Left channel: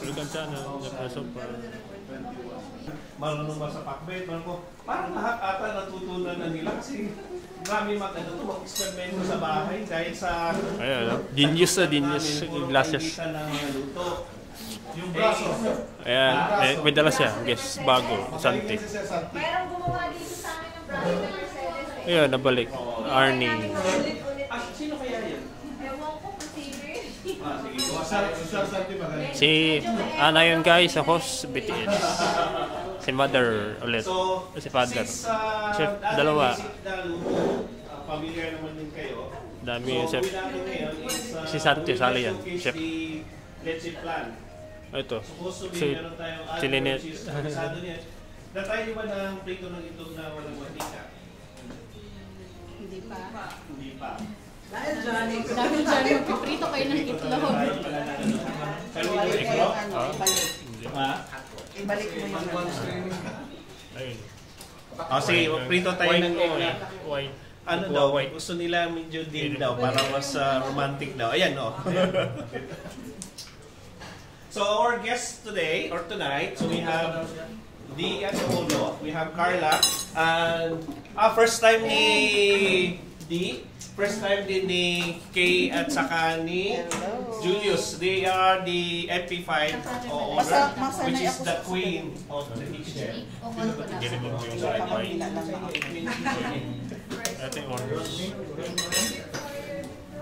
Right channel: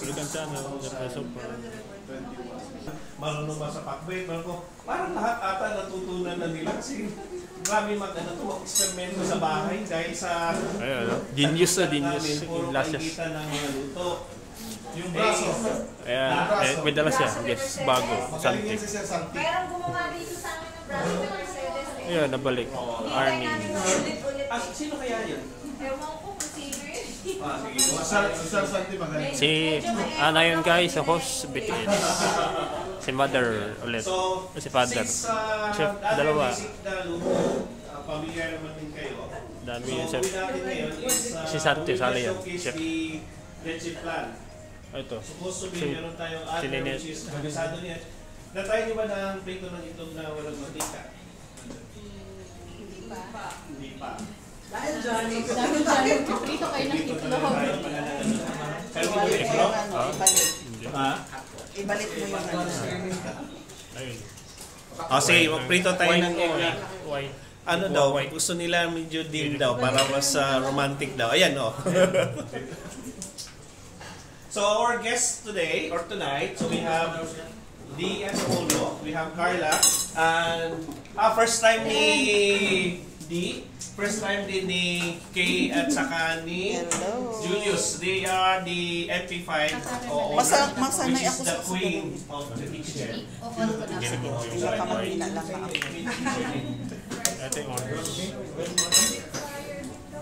Balikan sana, napasok pa. Marunong ba sa pakbay? Parang lahat ata natutunan na nila kasi marami mag-eksperimento sa bahay dahil sa... Ayun, genius na genius yung glasses. Ng mga luto. Yung braso. Ayan, may dala siya. Guess, bago, Santi. Mayroong gumawa dito sa akin ng braso ng Mercedes. Ayun, nabalik. Arnie. Sino kaya yun? Ewan ko kung sino yun. Si, yun guys, ako, BTS. Si Mother ulit. Si Father. Chef, dalawa. Familiar naman din kayo. Dami yung chef. Si Si Santi, sali yan. Chef. Leche plan. Ito. Si Lynette. Na-try niyo ba ng prito ng itlog na walang mantika? Hindi pa. Dahil dyan, prito kayo ng itlog. Iklog? Ibalik mo yung Ayun. Kasi prito tayo ng itlog. White. Ano daw, gusto nila medyo dim daw, para mas romantic daw. Ayan, no? So our guests today, or tonight, so we have Dee as Julio, we have Carla, and first time ni Dee, first time din ni Kay at saka ni Julius. They are the MP5 owner, which is the queen of the kitchen. Ganito po yung white. Ito yung orange.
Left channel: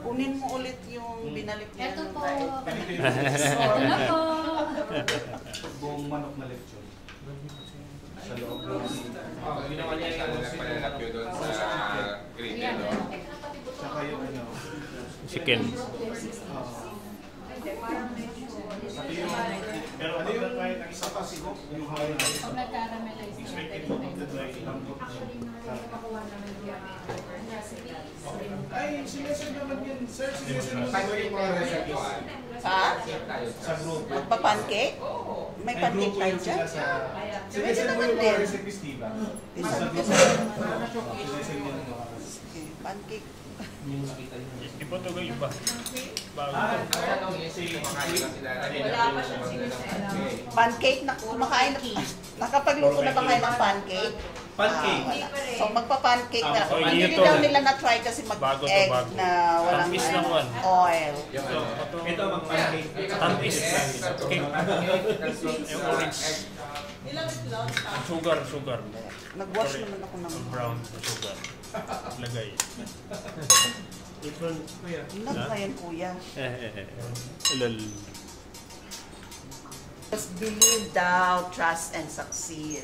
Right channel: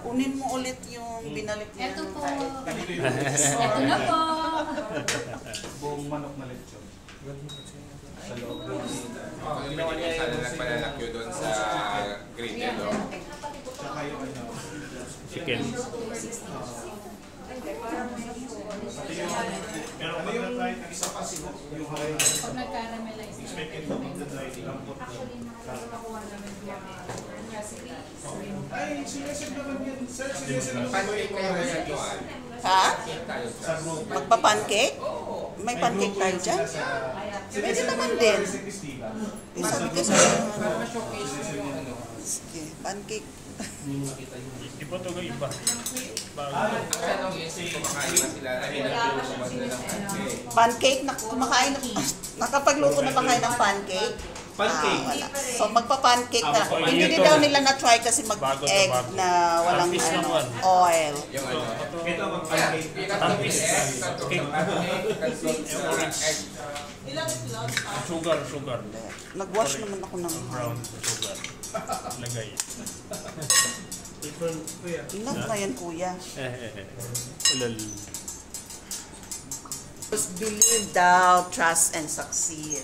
Kunin mo ulit yung binalik mo. Ito po. Ito na po. Buong manok na lechon. Sa loob ng... Ginawa niya sana nagpalalakyo doon sa green yellow. Tsaka yung ano... Chicken. Pero ano yung isa pa yung Hawaii? Pag nag-caramelize na. Expected to make the dry lambot. Ay, sinesend naman yun. Sir, sinesend naman. Paano yung mga recipe? Ha? Sa group. Magpa-pancake? May pancake tayo dyan? Pwede naman din. Recipes, diba? Sabi ka sa... Sige, pancake. Iba ito ga iba. Bago. Pancake na kumakain na... Nakapagluto na ba kayo ng pancake? Pancake. So magpa-pancake na. Oh, Hindi ito. daw nila na-try kasi Bago to, mag-egg bago. na walang Tampis lang one. oil. Ito ang pancake. Tampis. Yung orange. Sugar. Nag-wash naman ako ng... Brown sugar. Lagay. Ilan na yan, kuya? Lol. Just believe thou, trust, and succeed.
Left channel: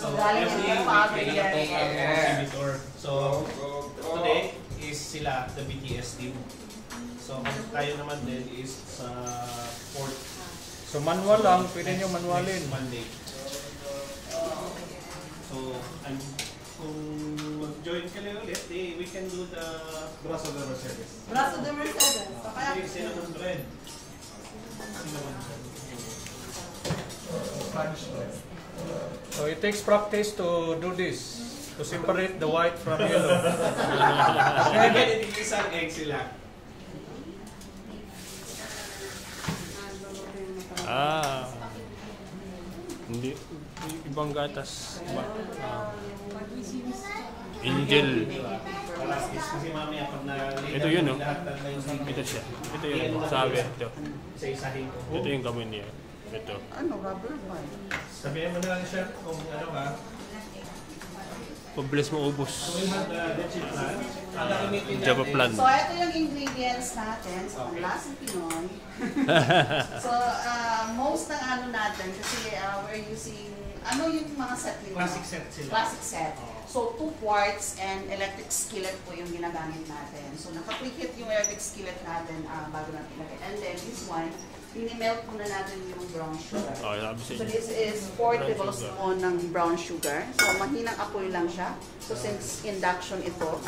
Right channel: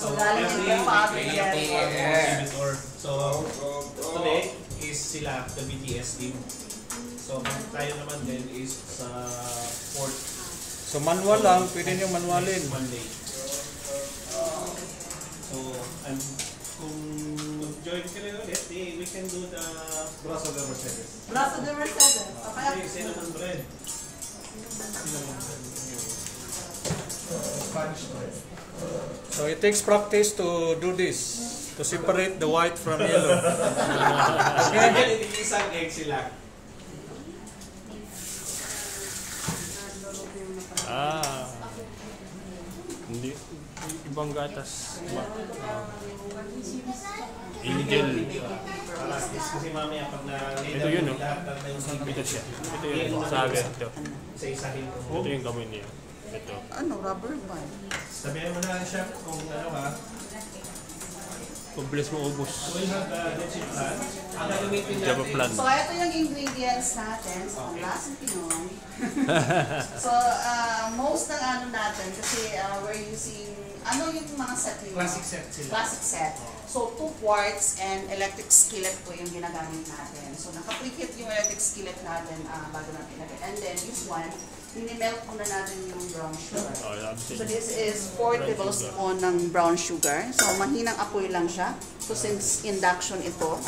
So, galing yung father yan. So, today is sila, the BTS team. So, tayo naman din is sa fourth. So manual lang, pwede nyo manualin. Monday. So, kung mag-join ka na ulit, we can do the Braso de Mercedes. Braso de Mercedes. Okay, cinnamon bread. Spanish bread. So it takes practice to do this, to separate the white from yellow. Kaya isang egg sila. Hindi. Ibang gatas. Angel. Kasi mamaya pag Ito yun, no? Ito siya. Ito yun. Sabi. Ito. Isa-isahin ko. Ito yung kamay niya. Ito. Ano, rubber band? Sabihin mo na lang siya kung ano ba. Pag-bless mo ubos. So we'll have the chips na. Ang gagamitin natin. Java plan. So, ito yung ingredients natin sa panglasang Pinoy. So, most ng ano natin, kasi we're using, ano yung mga set nila? Classic set sila. Classic set. So, 2 quarts and electric skillet po yung ginagamit natin. So, naka-preheat yung electric skillet natin bago natin ilagay. And then, this one, mini-melt muna natin yung brown sugar. So, this is 4 tablespoon ng brown sugar. So, mahinang apoy lang siya. So, since induction ito,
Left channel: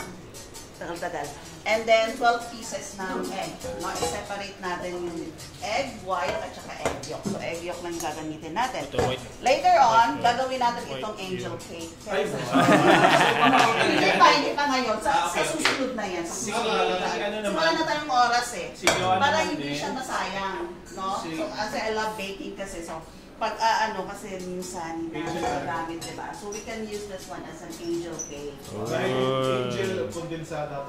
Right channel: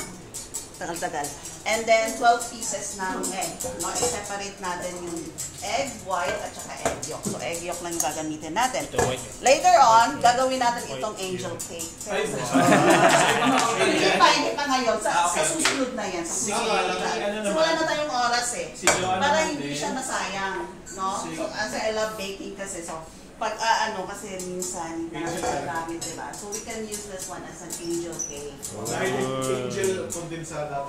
tagal-tagal. And then 12 pieces ng egg. No, i-separate natin yung egg white at saka egg yolk. So egg yolk lang yung gagamitin natin. Ito white. Later on, gagawin natin White itong angel yolk. cake. Ay, Hindi pa ngayon. Sa susunod na yan. Sa susunod na. So wala na tayong oras eh. Para hindi siya masayang. No? So, kasi I love baking kasi. So, pag kasi minsan hindi natin magagamit, diba? So we can use this one as an angel cake. Angel condensada.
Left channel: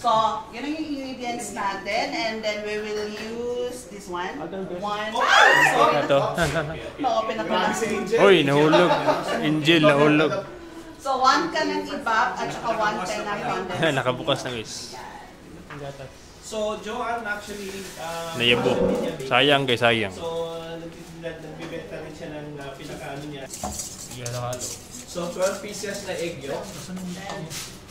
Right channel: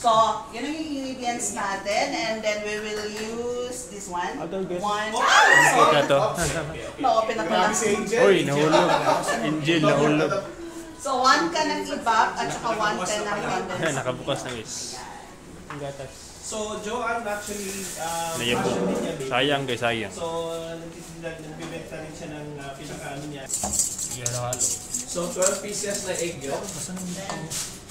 So, yun ang yung ingredients natin. And then we will use this one. One. Ito. Na-open na pala. Uy, nahulog. Angel, nahulog. So, 1 can ng ibak at saka 1 can ng condensed. Nakabukas na guys. So, Joanne actually... Nayabok. Sayang kay sayang. So, nagbibenta rin siya ng pinaka-ano niya. Halo-halo. So, 12 pieces na egg yolk.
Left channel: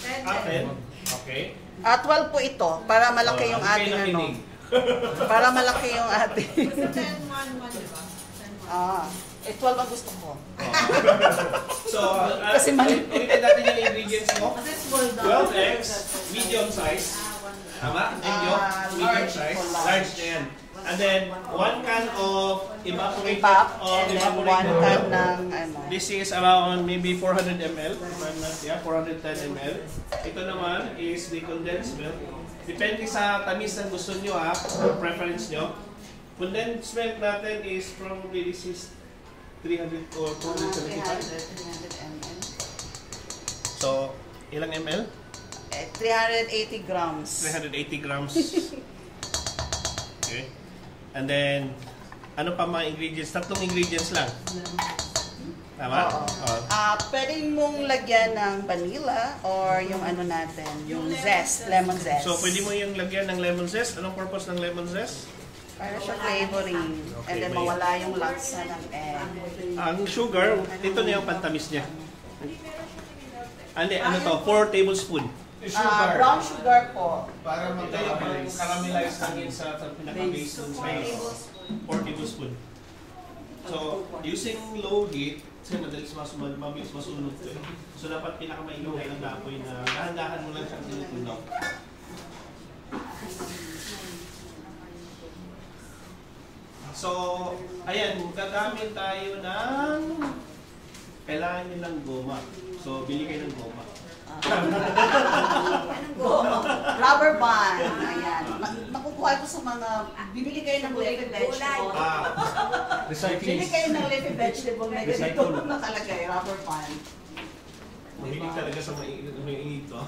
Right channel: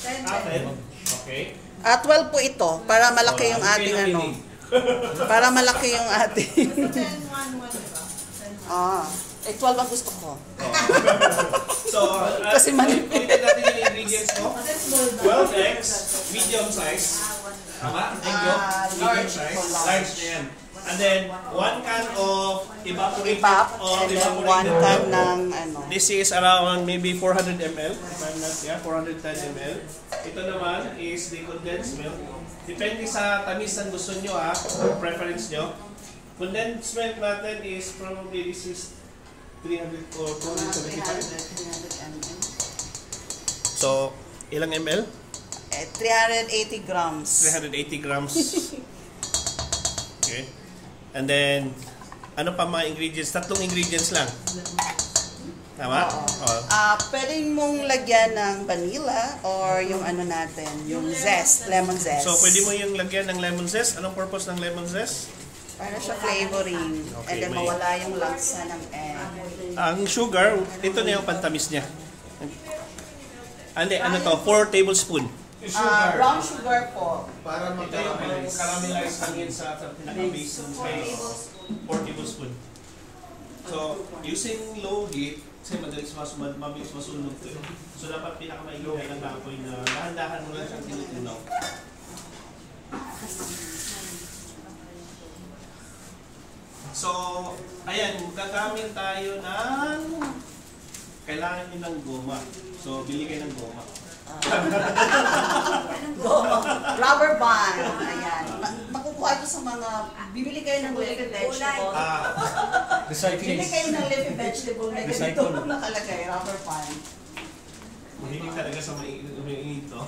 Atin. Okay. 12 po ito. Para malaki yung ating ano. Para malaki yung ating... 12 ang gusto ko. So, Kasi mali. ulitin natin yung ingredients mo. 12 eggs, medium size. Tama? Egg yolk, medium size. Large na yan. And then, 1 can of evaporated or And then 1 can ng ano. This is around maybe 400 ml. If I'm not, 410 ml. Ito naman is the condensed milk. Depende sa tamis ng gusto nyo preference nyo. Condensed milk natin is probably this is 300 or 475. 300 ml. So, ilang ml? 380 grams. 380 grams. Okay. And then, ano pa mga ingredients? 3 ingredients lang. Tama? Oo. Pwede mong lagyan ng vanilla or yung ano natin, yung zest, lemon zest. So, pwede mo yung lagyan ng lemon zest. Anong purpose ng lemon zest? Para siya flavoring. And then mawala yung laksa ng egg. Ang sugar, ito na yung pantamis niya. Ano to? 4 tablespoon. Brown sugar po. Para mag-caramelize hangin sa pinaka-base ng space. 4 tablespoon. So, using low heat, kasi mabilis masunog to. So, dapat pinaka-mainit lang na apoy na dahan-dahan mo lang siyang tinutunaw. So, ayan, gagamit tayo ng kailangan nyo ng goma. So, bili kayo ng goma. Rubber band. Ayan. Makukuha ito sa mga, bibili kayo ng leafy vegetable. Bibili kayo ng leafy vegetable na ganito nakalagay, rubber band. Mahilig talaga sa mainit to.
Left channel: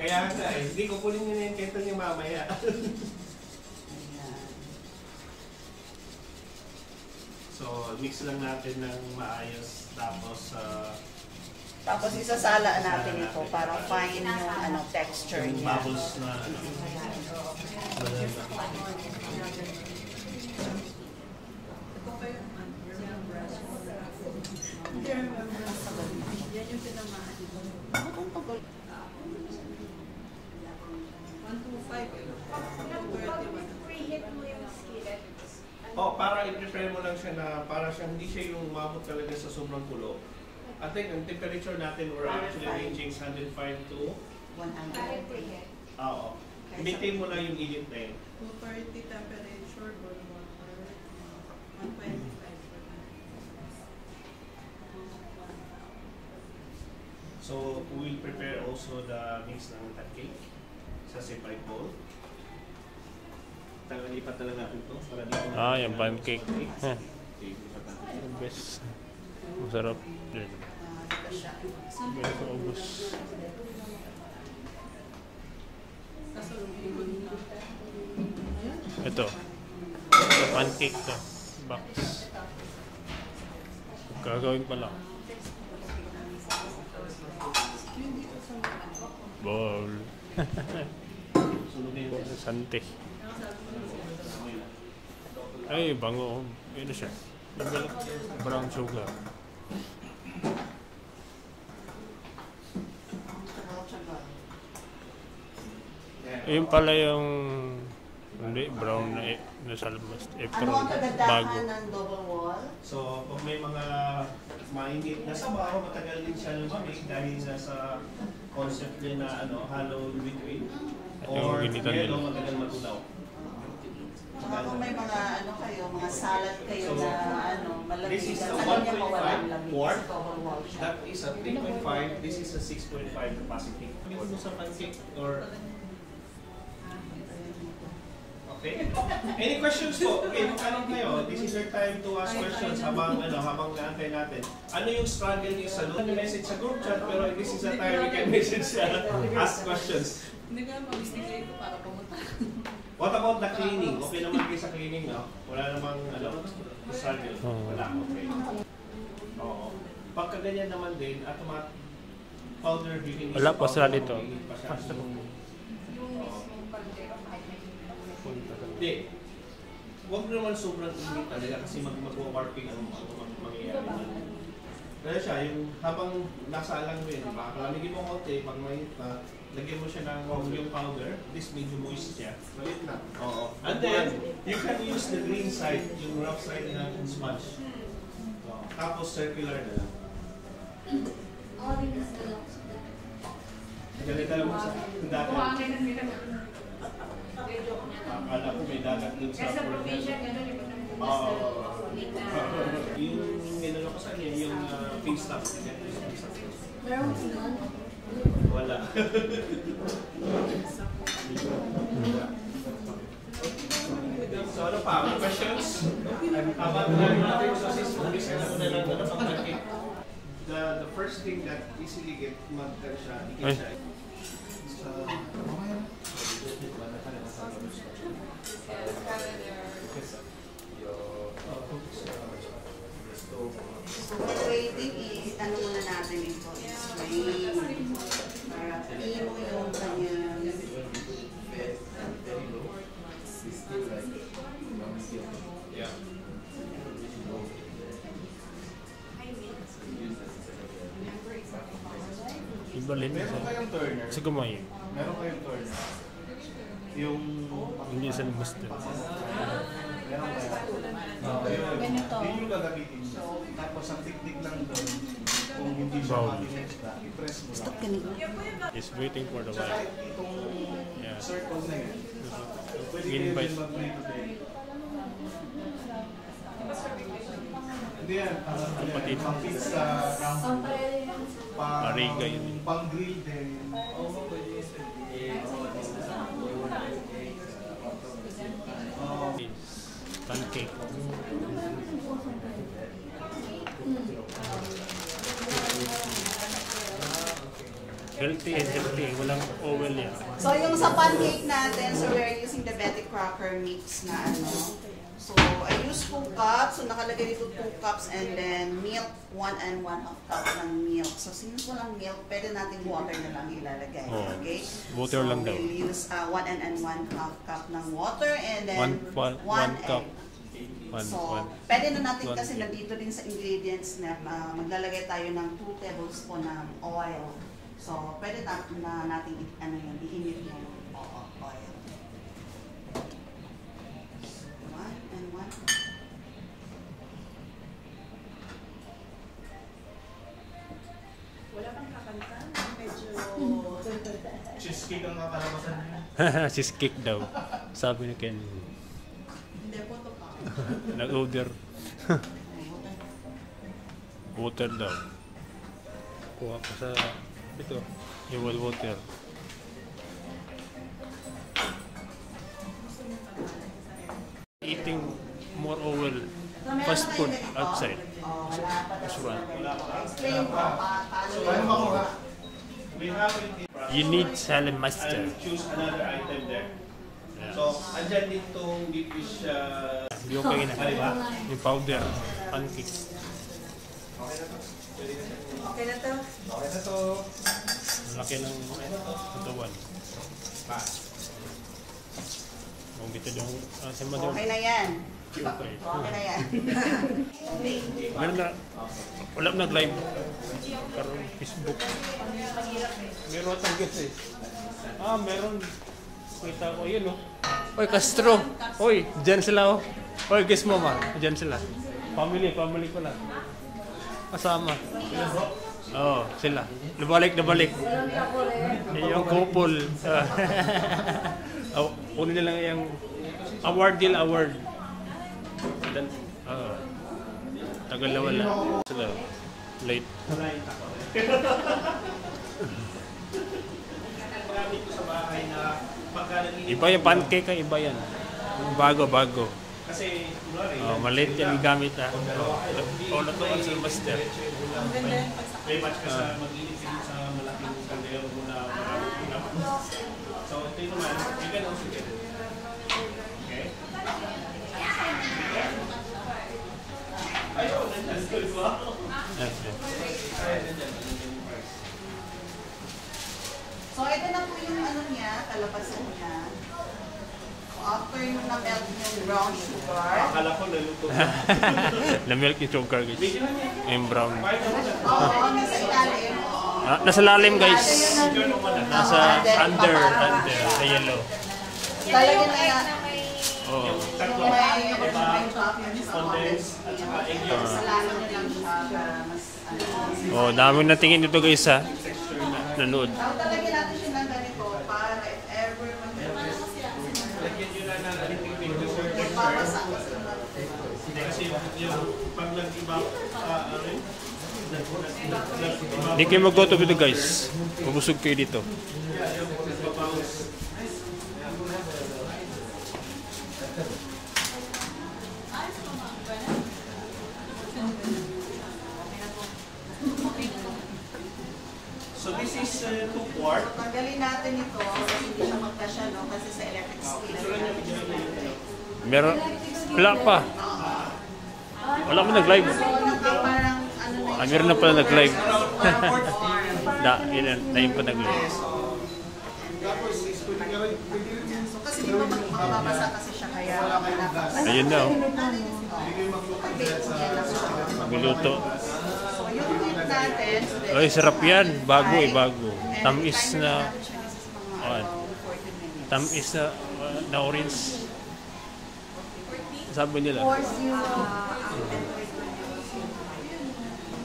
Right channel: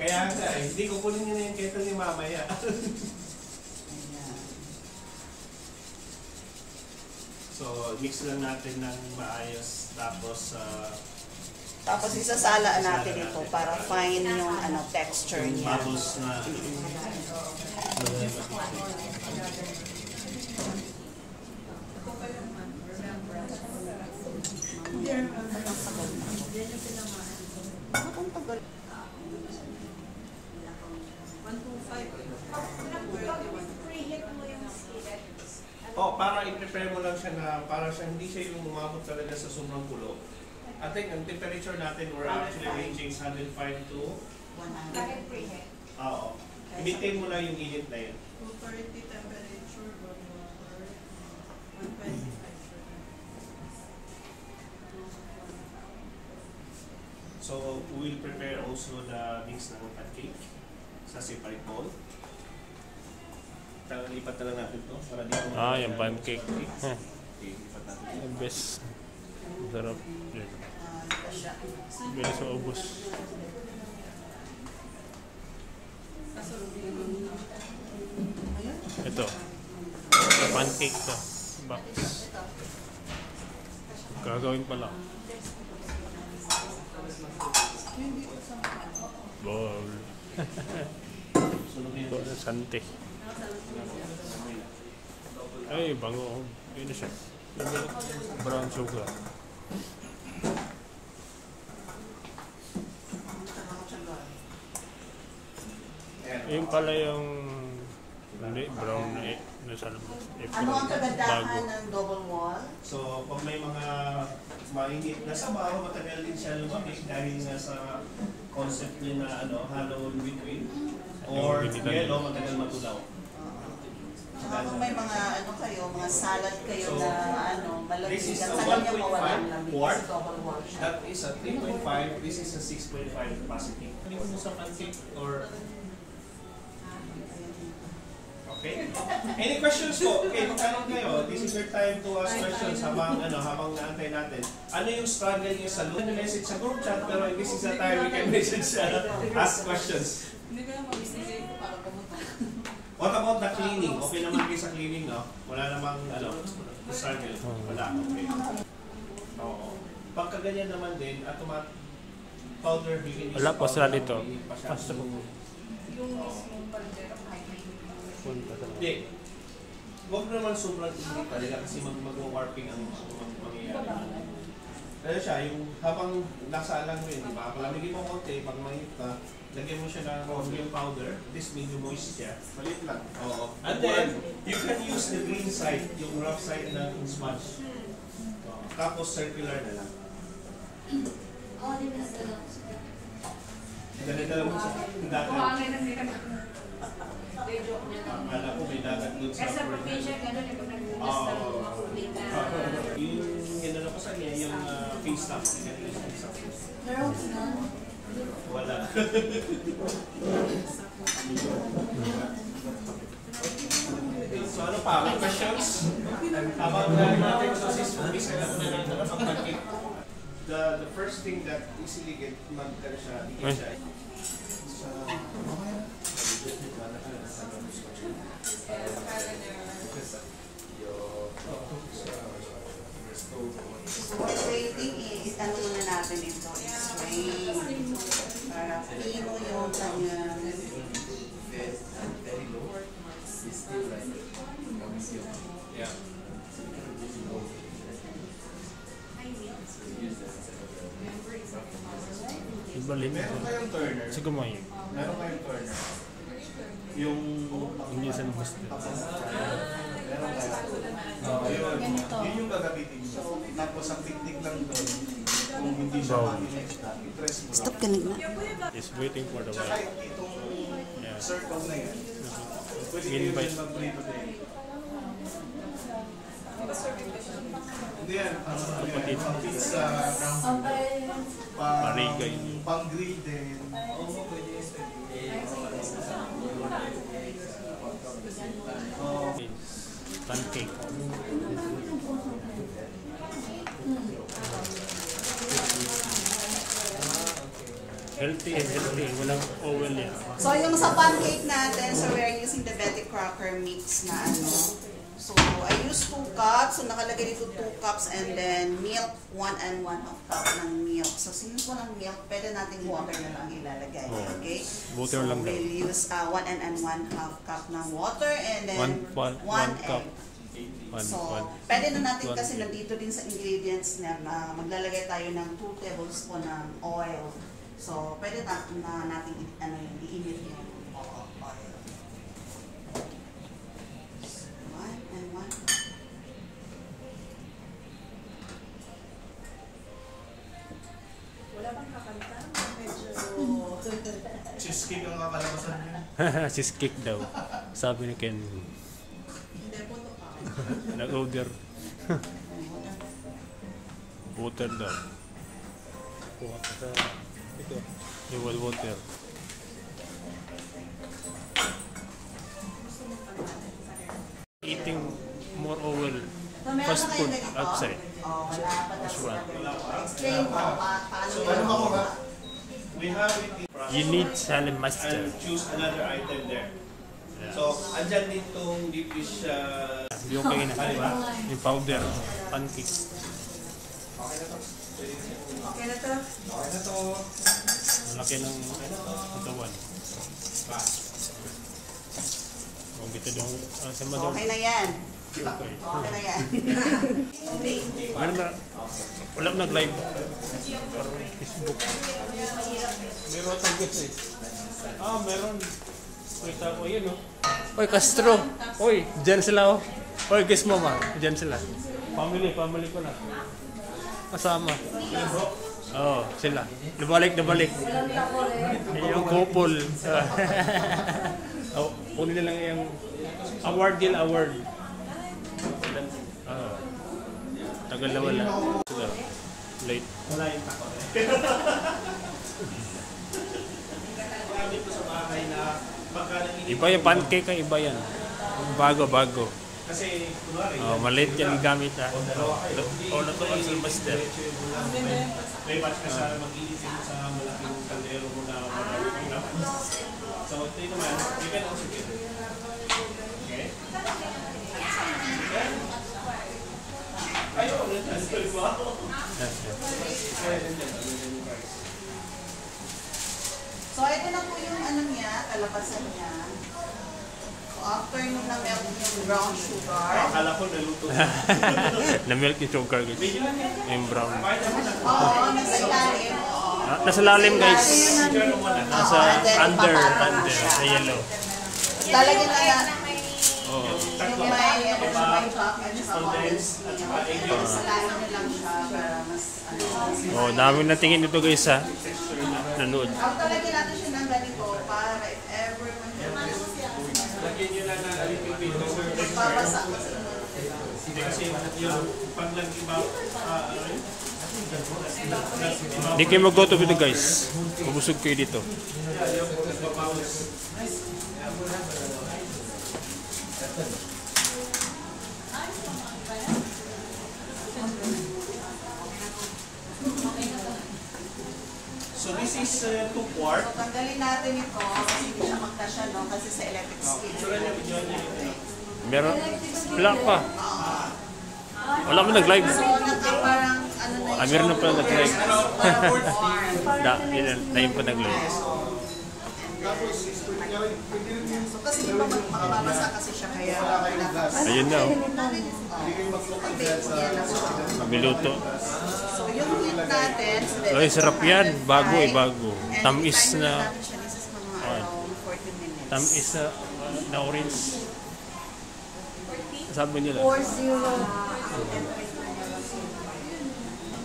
Kaya nga hindi kukunin nyo na yung kettle niya mamaya. So, mix lang natin ng maayos. Tapos isasala natin ito para fine yung texture yung niya. bubbles na para i-prepare mo lang siya na para siya hindi siya yung umabot talaga sa sobrang kulo. I think ang temperature natin we're actually ranging 105 to 100. Oo. I-maintain mo lang yung init na yun. 230 temperature, boil water, 125. So, we'll prepare also the mix ng pancake sa separate bowl. Lipat na lang natin ito para di ko Yung pancake. Okay, lipat natin. The best. Masarap. Bilis sa ubos. Ito. Ito pancake to. Box. Gagawin pala. Bowl. Sante. Ay, bango. Ini siya. Brown sugar. Yung pala yung hindi, brown na nasa labas. Ano ang kagandahan ng double wall? So, pag may mga mainit na sabaw, matagal din siya lumamig dahil nga sa concept niya na hollow in between. Or yellow, matagal matulaw. Saka kung may mga kayo, mga salad kayo na malaki, This is a sa kanya mawalang 1.5 lamig quart. kasi double wall siya. That is a 3.5. This is a 6.5 capacity. Hindi mo sa pancake or... Okay? Any questions po? Okay, magtanong kayo. This is your time to ask questions habang naantay natin. Ano yung struggle niyo sa loob? Message sa group chat, pero this is the time we can message ask questions. Hindi ko na mabisigay ko para pumunta. What about the cleaning? Okay naman kayo sa cleaning, no? Wala namang, struggle. Wala, okay. Oo. Pagka ganyan naman din, automatic powder, you can use Wala pa sila dito. Basta po. Hindi. Huwag naman sobrang init talaga kasi mag-warping ang mangyayari. Kaya siya, yung habang nasa alang mo yun, diba? Palamigin mo konti, pag mainit pa, lagyan mo siya ng yung powder, this medyo moist siya. Malit lang. Oo. And then, you can use the green side, yung rough side na smudge. Tapos circular na lang. Dala-dala mo sa dagat. Kumangin na nila. Akala ko may dagat doon sa Sa provision, gano'n, di ba nagbukas Oo. na Yung ginano ko sa niya, yung face stuff. Wala. So ano pa? May questions? Habang dahil natin sa system, design na na lang ang pancake. The first thing that easily get mag-can siya, i-get siya. So while waiting is, muna natin ito, strain. Para imo yung kanyang Yeah. Ibalin. Meron kayong turner. Sa gumay. Meron kayong turner. Yung... Hindi sa labas din. Meron kayo. Yun yung gagamitin mo. Tapos ang technique lang doon, kung hindi siya Bowl. ma-connect na, i-press mo lang. stop ka nito. Is waiting for the Tsaka while. itong Yeah. circle na yun. Pwede Invite. kayo mag-play today. Hindi yan. Kapatid. Pizza, round Marigay. pang-grill din. Pancake. Healthy and healthy. Walang oil yan. So yung sa pancake natin, so we're using the Betty Crocker mix na So I use 2 cups. So nakalagay dito 2 cups and then milk, 1 and 1/2 cup ng milk. So since walang milk, pwede natin water na lang ilalagay. Okay? Water so lang daw. we'll use 1 and 1/2 cup ng water and then One cup. egg. So, pwede na natin kasi nandito din sa ingredients na maglalagay tayo ng 2 tablespoon ng oil. So, pwede na natin i-emit yung oil. 1 and 1. Wala bang kakanta? Medyo... Cheesecake ang kakalabasan niya. Cheesecake daw. Sabi ni Ken. Hindi po ito. Nag-order. Water daw. Kuha ko sa ito. Yung water. Eating more oil. So, meron Fast na food kayo ganito? outside. Wala pa daw sila Restaurant. ganito. Explain mo paano So, ano makuha? We have it in You need salad master. and choose another item there. Yeah. So, andyan ditong deep dish Hindi okay na. diba? Yung powder. Pancake. Okay na to. Okay na to. Okay na to. Malaki ng katawan. Kung dito yung sa mother. Okay na yan. Okay. Okay na yan. Meron na. Wala nag-live. Parang Facebook. Meron tayong guest eh. Meron. Kita ko yun oh. Oy, Castro. Oy, dyan sila oh. Oy, guest mo ma. Dyan sila. Family ko na. kasama. Oo, sila. Nabalik. Yung couple. Oh, kunin na lang yung award. Tagal na wala. Sila. Late. Iba yung pancake ay iba yan. Bago. Kasi, kunwari, Maliit yan gamit ha. Natukan sa master. may batch ka sa mag-iitin sa malaking kaldero mo na maraming laman. So, ito naman, you can also get it. Okay? Ayun, nandiyan ko ako. So, ito na po yung ano niya, kalabasan niya. So, after nung na-melt yung brown sugar. Akala ko naluto. Na-milk yung sugar guys. Yung brown. Oo, nasa ilalim. Oo. Nasa lalim guys. Nasa Under. Sa yellow. Lalagyan na yan. Oh. Yung may chocolate sa condensed milk. Sa lalim na lang siya para mas Oh, daming natingin dito guys ha. Nanood. talagyan natin siya ng ganito para if ever Lagyan nyo lang na alipin sir. magpapasa ko sa inyo. Kasi yung paglag-ibaw, Hindi kayo mag-go-to dito guys. Mabusog kayo dito. So this is 2 quart. So, tanggalin natin ito kasi hindi siya magkasya, no? Kasi sa electric skillet. Meron. Wala pa. Wala mo nag-live. So, parang ano na Meron na pala nag-live. Na yun pa nag-live. So, kasi di ba makababasa kasi siya kaya dapat. Ayun na oh. Pag-bake mo yan ako. Miluto. So, yung heat natin. Ay, sarap yan. Bago. And Tamis timer na. natin siya is mga around 40 minutes. Tamis na orange. Sabi nila. 40.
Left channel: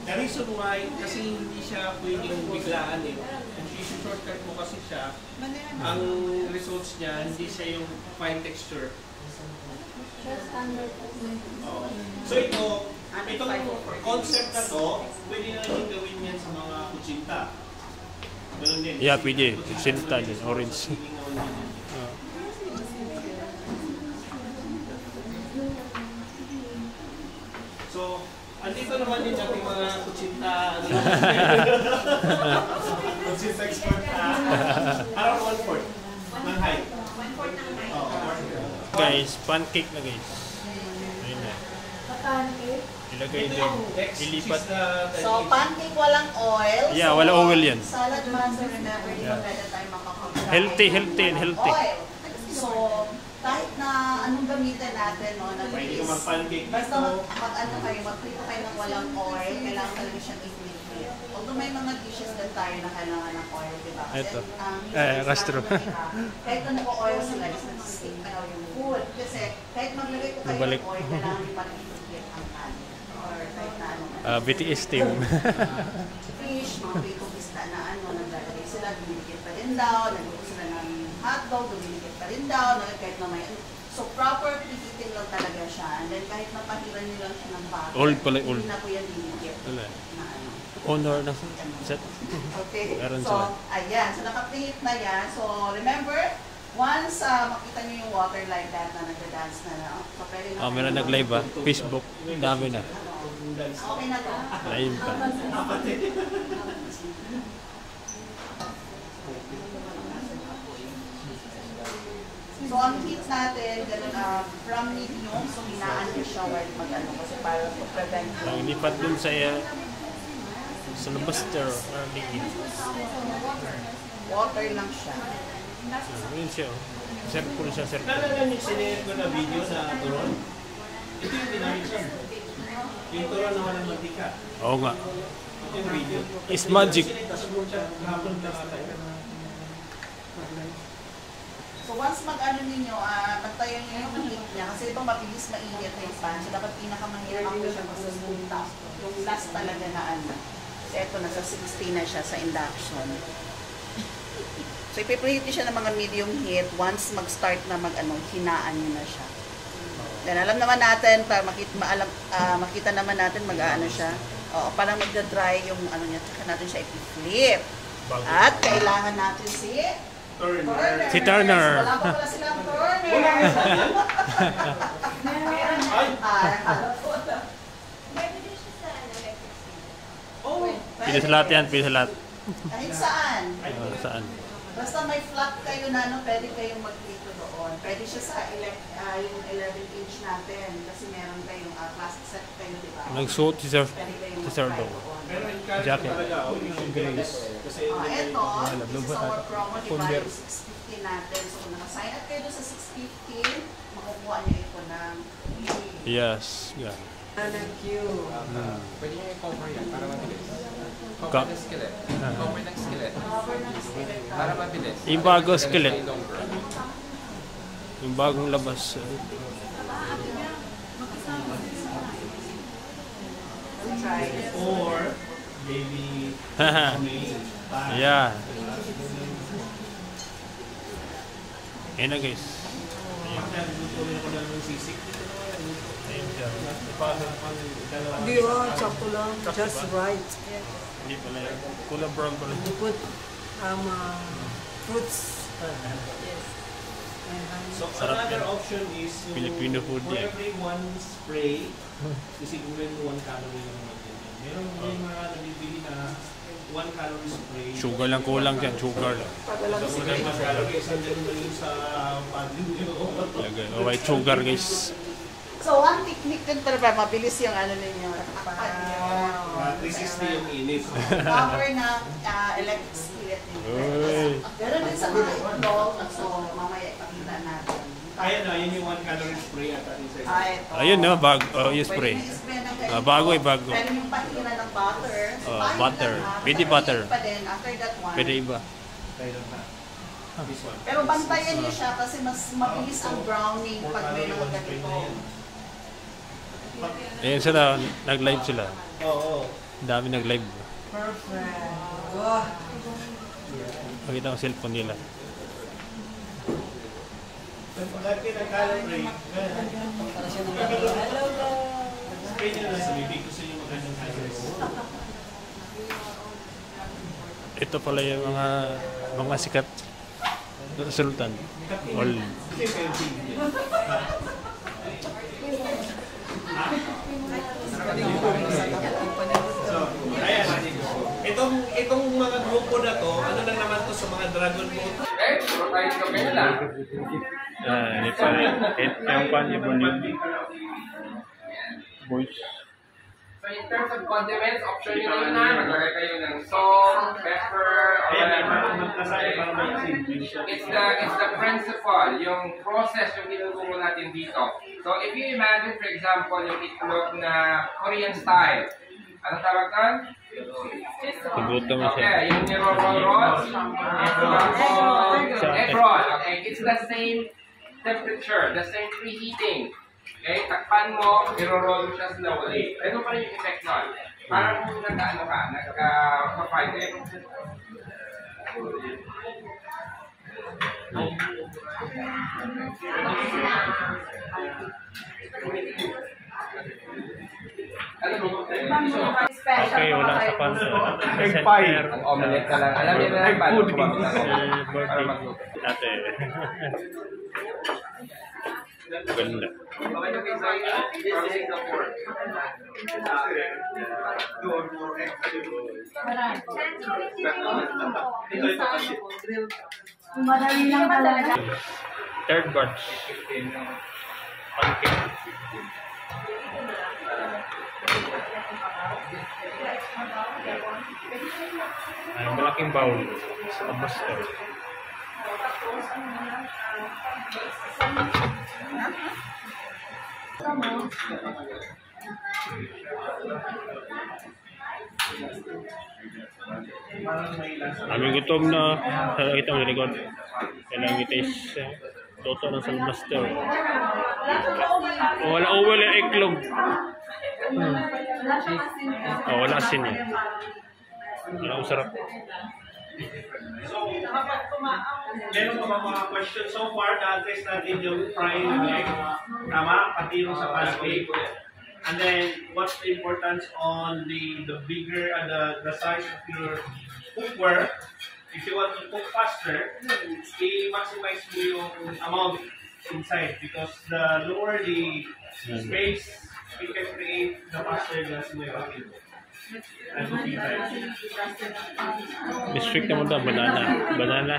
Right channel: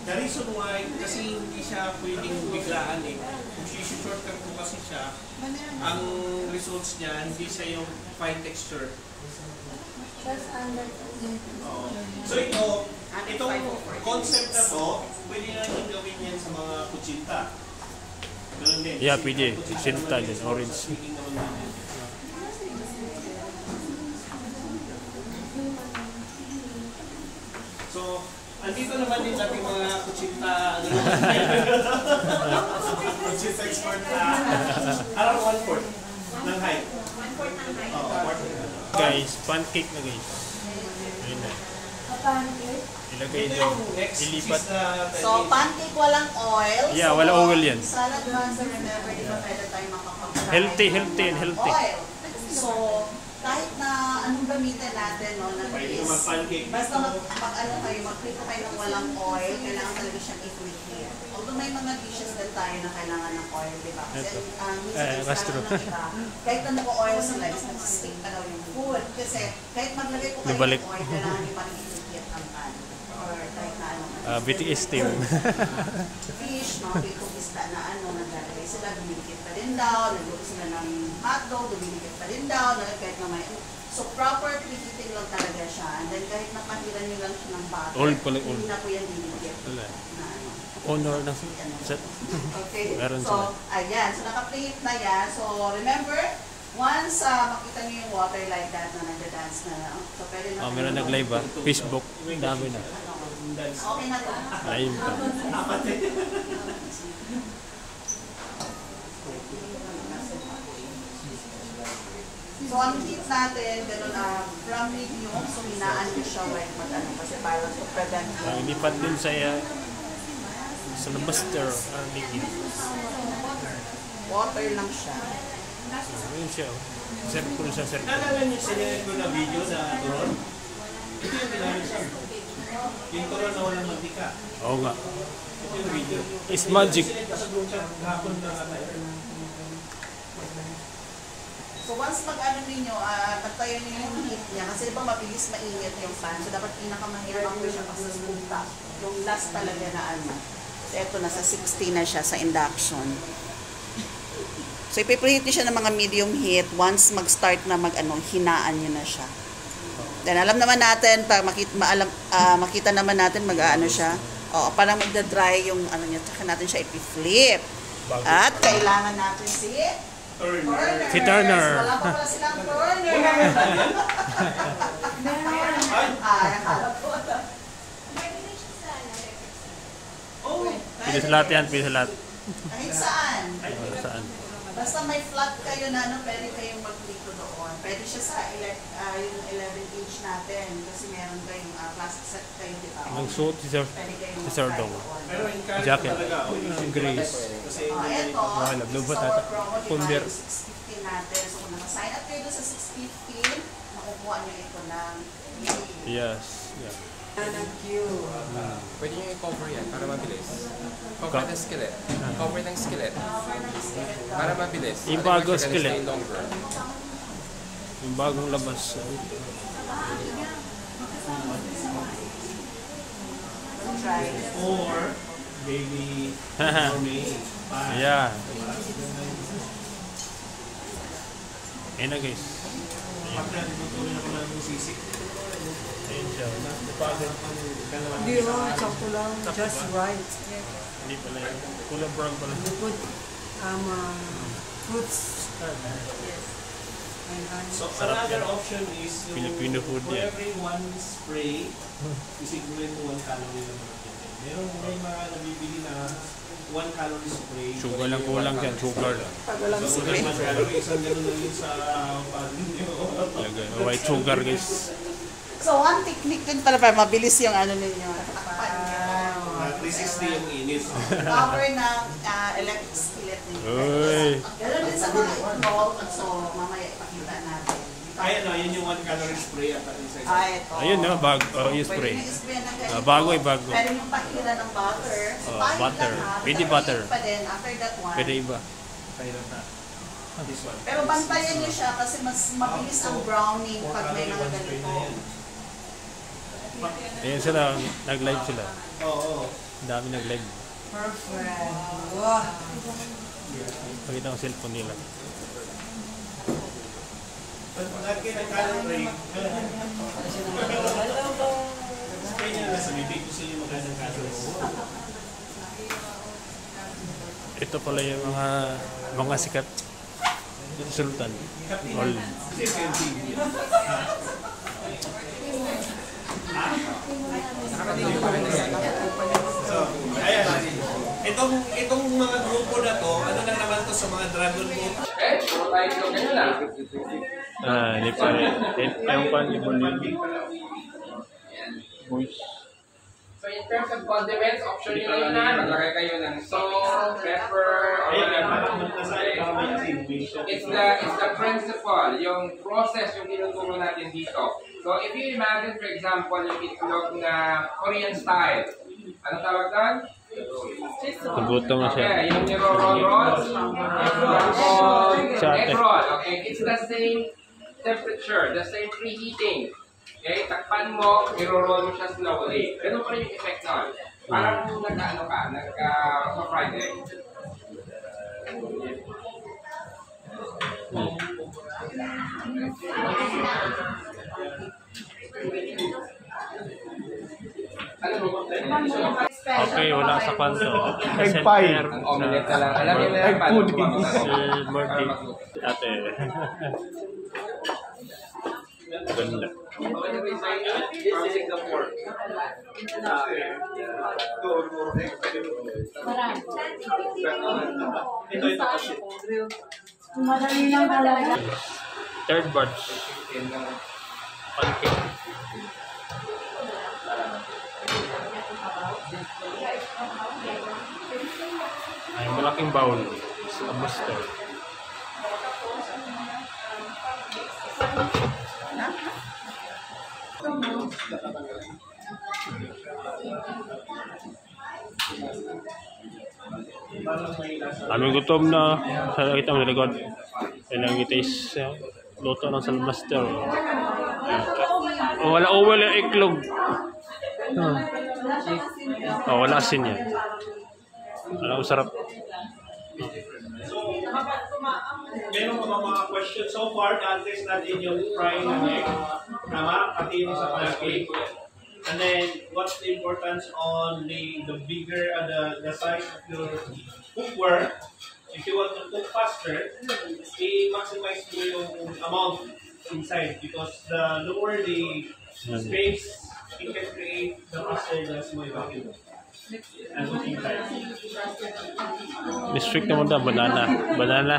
The reason why, kasi hindi siya pwedeng biglaan eh. Kung shortcut ko kasi siya, ang results niya, hindi siya yung fine texture. Oo. So itong concept na to, pwede na rin gawin yan sa mga kutsinta. Ganun din. Yeah, pwede. Kutsinta din, orange. So, andito naman din nating mga kutsinta, kutsinta expert around 1/4 ng height. 1/4 ng height. Guys, pancake na guys. Ayun na. Ilagay doon. Ilipat. So, pancake walang oil. Yeah, So, wala oil yan. Salad master, remember, di ba pwede tayo makapag-fry? Healthy. Oil. So, kahit na anong gamitin natin, no, na Pwede ka mag-pancake. basta mag-ano kayo, mag-prito kayo ng walang oil, kailangan talaga siyang i-flip. Although may mga dishes din tayo na kailangan ng oil, di ba? Kasi, Ito. minsan Castro. sinasabi ng iba, kahit na nag-oil sila, is nag-stick pa daw yung food. Kasi kahit maglagay ko kayo Nabalik. ng oil, kailangan yung mag-flip ang pan. Or kahit na ano. BTS team. Fish, mga pito-pista na naglalagay sila, dumilikit pa rin daw, nagluto sila ng hotdog, dumilikit pa rin daw, kahit na may So, proper preheating lang talaga siya. And then, kahit napahiran nyo lang siya ng butter, Old pala, old. hindi na po yan dinikit. Wala. Na ano. Honor ng set. Okay. Meron So, sila. ayan. So, naka-plate na yan. So, remember, once makita nyo yung water like that na nagda-dance na lang. So, pwede na Meron nag-live ha. Facebook. Dami na. Okay na to. Live pa. So, ang heat natin, ganun, from medium, so hinaan ko siya while mag-ano, kasi para to prevent Ang ilipat dun sa master. Ligid. water lang siya. Yun siya. Circle siya, circle. Naalala niyo sinigil ko na video na turon? Ito yung ginamit siya. Yung turon na walang mantika. Oo nga. Ito yung video. It's magic. Sinigil ko sa group chat kahapon na ata. So once mag-ano ninyo, bantayan nyo yung heat niya. Kasi ibang mabilis mainit yung pan. So dapat pinakamahirap ko siya pag sa spoon top. Yung last talaga na ano. So ito, nasa 60 na siya sa induction. So ipipreheat nyo siya ng mga medium heat. Once mag-start na hinaan nyo na siya. Then alam naman natin, para makita naman natin mag-ano siya. Oo, parang magda-dry yung ano niya. Tsaka natin siya ipiflip. At kailangan natin si Turner. Si Turner. Wala pa pala silang Turner. Nakala po. Pili sa lahat yan, pili sa lahat. Kahit saan. Saan? Basta may flat kayo na pwede kayong mag-dito doon. Pwede siya sa yung 11-inch natin. Kasi meron kayong plastic set kayo, di ba? Nagsuot si Sir Dong. Pero in Canada Jacket. talaga, yung Grace. Kasi Ito, lubot sa natin. promo, di ba, Ponder. yung 650 natin. So kung naka-sign up kayo doon sa 650, makukuha niyo ito ng Yes. Yeah. Thank you. Pwede nyo i-cover yan para mabilis. Cover ng skillet. Cover ng skillet. Para mabilis. Yung bago skillet. Stay longer. Yung bagong labas. try. Or baby Yeah. Ayan na guys. Pagka luto rin ako ng sisig. Ayun siya. Hindi sakto lang. Just right. Hindi pala yun. Kulang brown pala. You put fruits. So Sarap another yan. option is yung Filipino food for yan. every one spray, isigurin mo 1 calorie lang natin. May mga nabibili na 1 calorie spray. Sugar lang kulang dyan. Sugar lang. So, kulang 1 calorie, isang ganun na yun sa pan ninyo. Lagay. Oh, white sugar guys. So, one technique din para mabilis yung ano ninyo. Takpan nyo. 360 yung init. Cover ng electric skillet ninyo. Uy. Ganun din sa mga involved. So, mamaya ipakita natin. Ayan na, yun yung 1 calorie spray at isa. Ito. Ayun na. Bago. Oh, yung spray. Pwede nyo i-spray ng ganito. Bago eh, bago. Pwede nyo pahira ng butter. So, Oh, pahit butter. lang, ha? Pwede Basta butter. mainit pa din after that one. Pwede iba. This one. Pero bantayan nyo siya kasi mas mabilis ang browning pag may mga ganito. Ayun sila. Nag-live sila. Oo. Ang dami nag-live. Perfect. Wow. Pakita ang cellphone nila. Lagi na calorie. Spray nyo na sa bibig kasi yung magandang calories. Ito pala yung mga sikat sultan. All. Ayan. Itong mga grupo na to, ano lang naman to sa mga dragon boat. Hindi pa rin. Yung pan, yung volume. Voice. So in terms of condiments, option nyo na yun na. Maglagay kayo ng salt, pepper, or whatever. It's the principle, yung process yung tinuturo natin dito. So if you imagine, for example, yung itlog na Korean style, ano tawag doon? Nagutom na siya. Okay, yung niro-roll, egg roll. Okay, it's the same temperature, the same preheating. Okay, takpan mo, niro-roll mo siya slowly. Ganun pa rin yung effect nun. Parang nagka-ano ka, nagka-fried egg. Okay, wala sa kwanto. Center. Ang omelette na lang. Alam niyo na lang paano Birthday. Ate. Ganda. Madali lang talaga. Third batch. Pancake. Ay, malaking bowl sa master. Aming gutom na sa kita ng likod. Ilang itis. Luto ng salmaster. Oh, wala iklog. Oh, wala asin yan. Ano, sarap. Meron pa mga questions so far? Na-address natin yung frying egg. Tama? Pati yung sa pancake. And then, what's the importance on the bigger, the size of your cookware? If you want to cook faster, i-maximize mo yung amount inside because the lower the space, it can create the faster gas mo yung and cooking time. District naman daw, banana. Banana.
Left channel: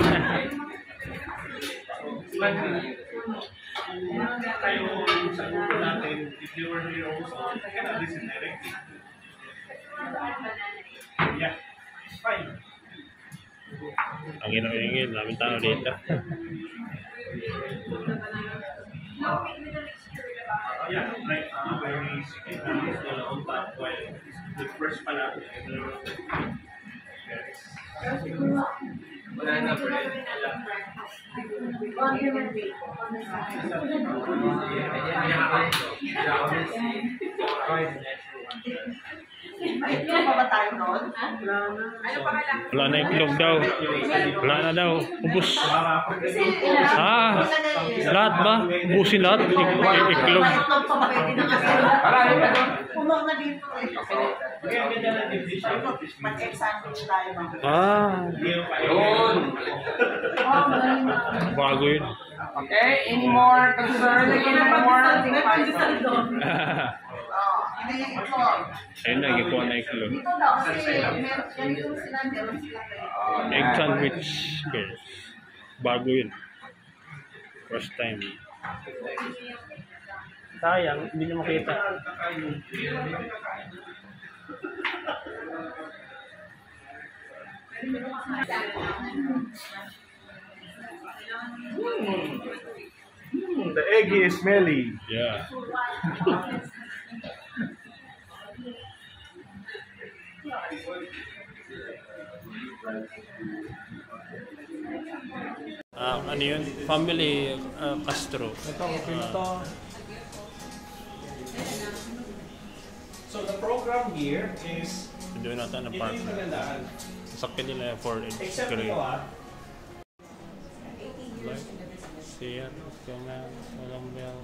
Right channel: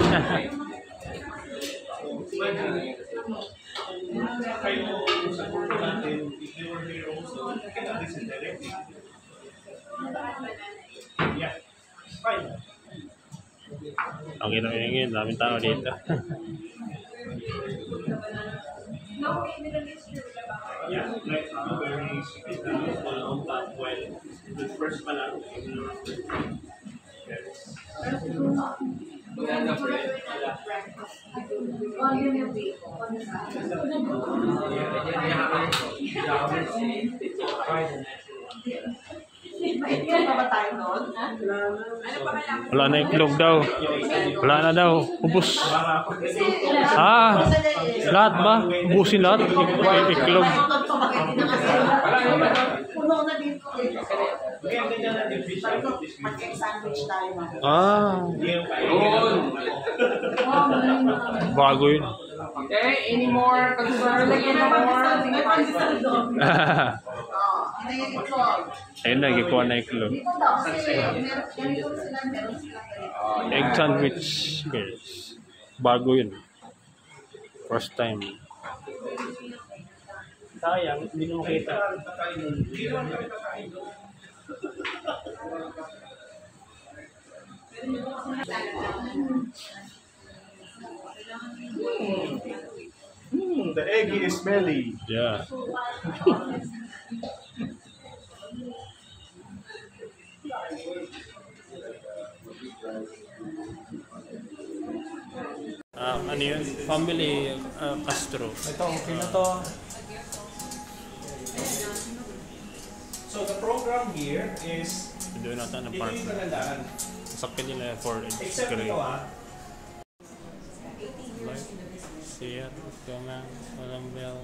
Kayo sa grupo natin, if you were here also, I cannot listen directly. Yeah, it's fine. Ang ginawin, daming tao dito. Yeah, like where we sit down on top while the first pa lang. Wala na, pre. Ito pa ba tayo doon? Wala na iklog daw. Wala na daw. Ubus. Lahat ba? Ubusin lahat? Iklog. Puno na dito eh. Kaya ang ganda ng dish Mag-egg sandwich tayo mga. Yun. Bago yun. Okay, any more concern? Any more? Hindi yung itlog. Ayun na, gikuha na iklog. Dito daw, kasi ganito sila, meron sila ganito. Egg sandwich. Guys. Bago yun. First time. Sayang, hindi nyo makita. The eggy is smelly. Yeah. Ano yun? Family Castro. Ito, okay ito. So the program here is Doon natin ang hindi partner. nilalaan. Sakit nila for its Except grade. ito Like, Sierra, Coman, Walang Bell,